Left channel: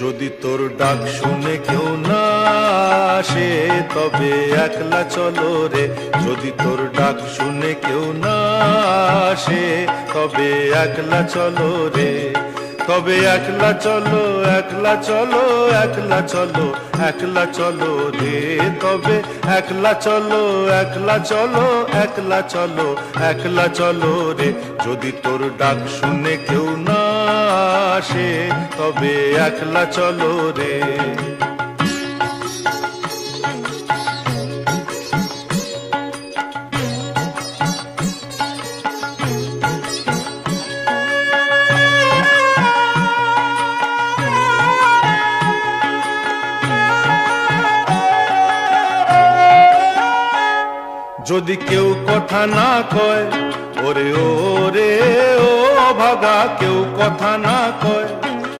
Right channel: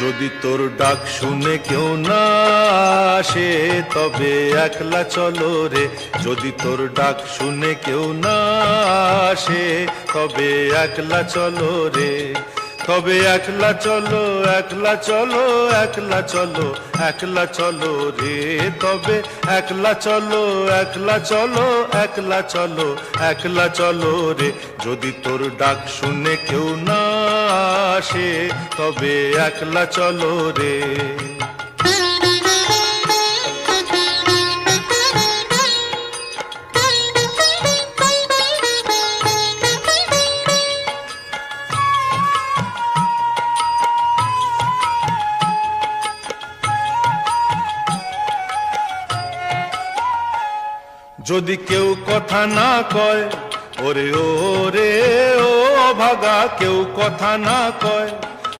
যদি তোর ডাক শুনে কেউ না আসে তবে একলা চলো রে। যদি তোর ডাক শুনে কেউ না আসে তবে একলা চলো রে। তবে একলা চলো, একলা চলো, একলা চলো, একলা চলো রে। তবে একলা চলো, একলা চলো, একলা চলো, একলা চলো রে। যদি তোর ডাক শুনে কেউ না আসে তবে একলা চলো রে। যদি কেউ কথা না কয়, ওরে ওরে ও ভাগা, কেউ কথা না কয়,